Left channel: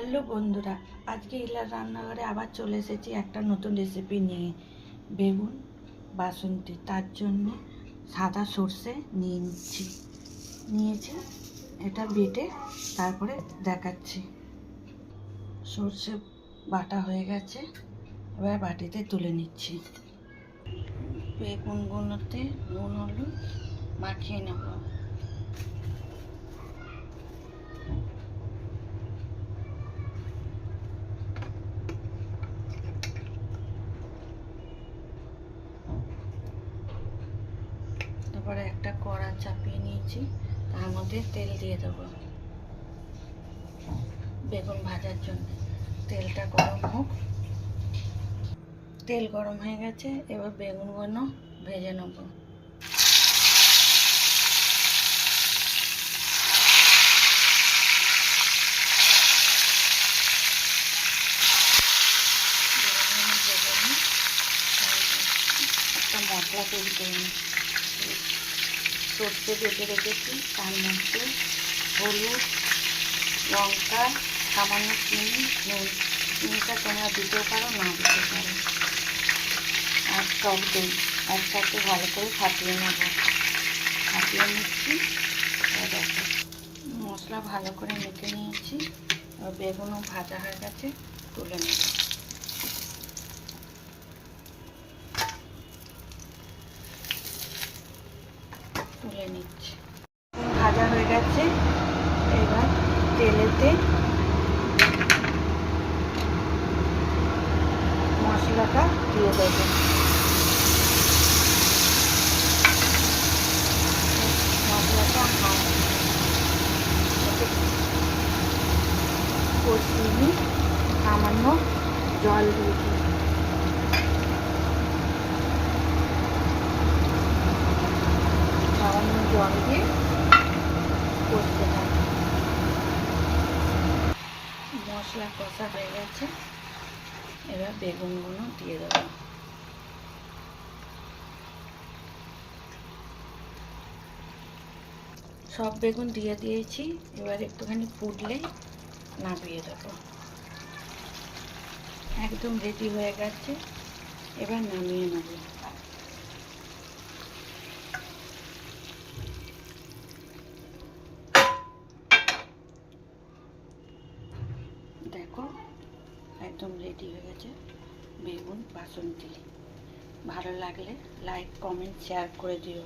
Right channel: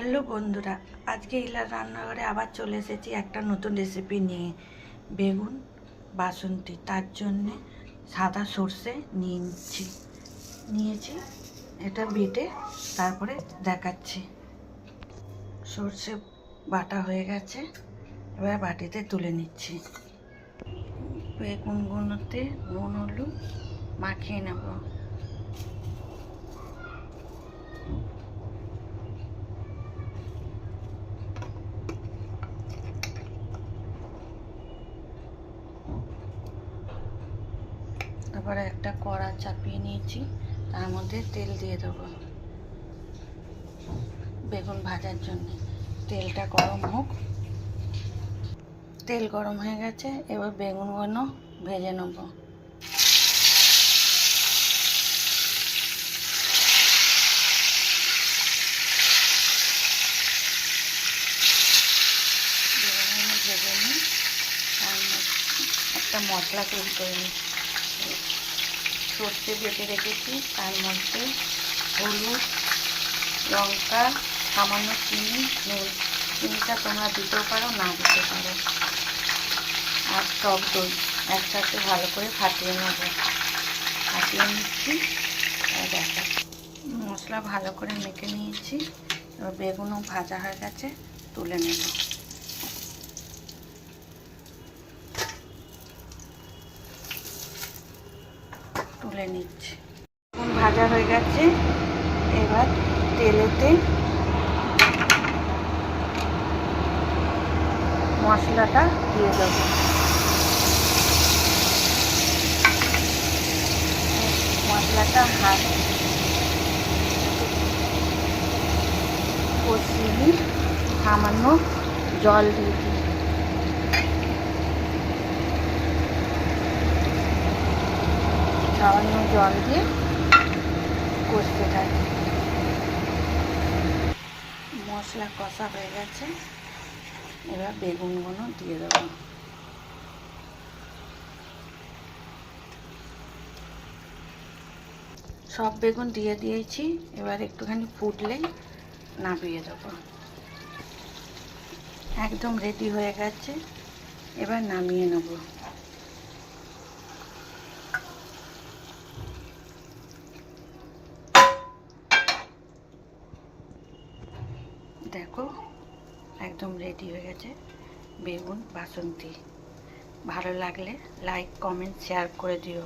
Hello বন্ধুরা, আজকে ইলার রান্নাঘরে আবার চলে এসেছি একটা নতুন রেসিপি নিয়ে। বেগুন বাসন্তী, তার জন্যে সাদা সর্ষে নিয়েছি। এটা বেটে তারপরে দেখাচ্ছি। সর্ষে বাটা হয়ে গেছে, এবার বাটিতে তুলে নিচ্ছি। বেগুনগুলোতে নুন হলুদ মাখিয়ে নেব। তারপরে একটা কড়া চাপিয়ে নিয়েছি, তার মধ্যে তেল দিয়ে দেবো বেগুন ভাজার জন্য। তেলটা গরম হোক। তেল গরম হয়ে গেছে, এবার বেগুনগুলো ভেজে নেব। বেগুনগুলো ভেজে নিই, একটা মশলা তৈরি করে নিই। সর্ষে বেটে রেখেছি, তার মধ্যে হলুদ, লঙ্কা, সামান্য চিনি, নুন। চিনিটা তোমরা দিতেও পারো, না দিতে পারো। আর টক দই একসাথে ভালো করে ফাটিয়ে নেব। ফাটিয়ে নিচ্ছি। দেখো মশলা ভালো করে মেখে নিয়েছি। এবার বেগুনও ভাজা হয়ে গেছে, তুলে নেব। তুলে নিচ্ছি। বেগুন ভাজা হয়ে গেছে, এবার তেলেতে মশলাটা দিয়ে দেবো। মশলাটা হাত কষিয়ে নিই, সামান্য জল দিয়ে দিই। সামান্য জল দিয়ে কষতে থাকি। মশলা কষা হয়ে গেছে, এবার বেগুনগুলো দিয়ে দেবো। সব বেগুন দিয়ে দিয়েছি, এবার একটুখানি ফুটলেই নামিয়ে দেবো। একদম রেডি হয়ে গেছে, এবার নামিয়ে নেব। দেখো একদম রেডি হয়ে গেছে বেগুন বাসন্তী। ভালো লাগলে লাইক, কমেন্ট, শেয়ার করে দিও।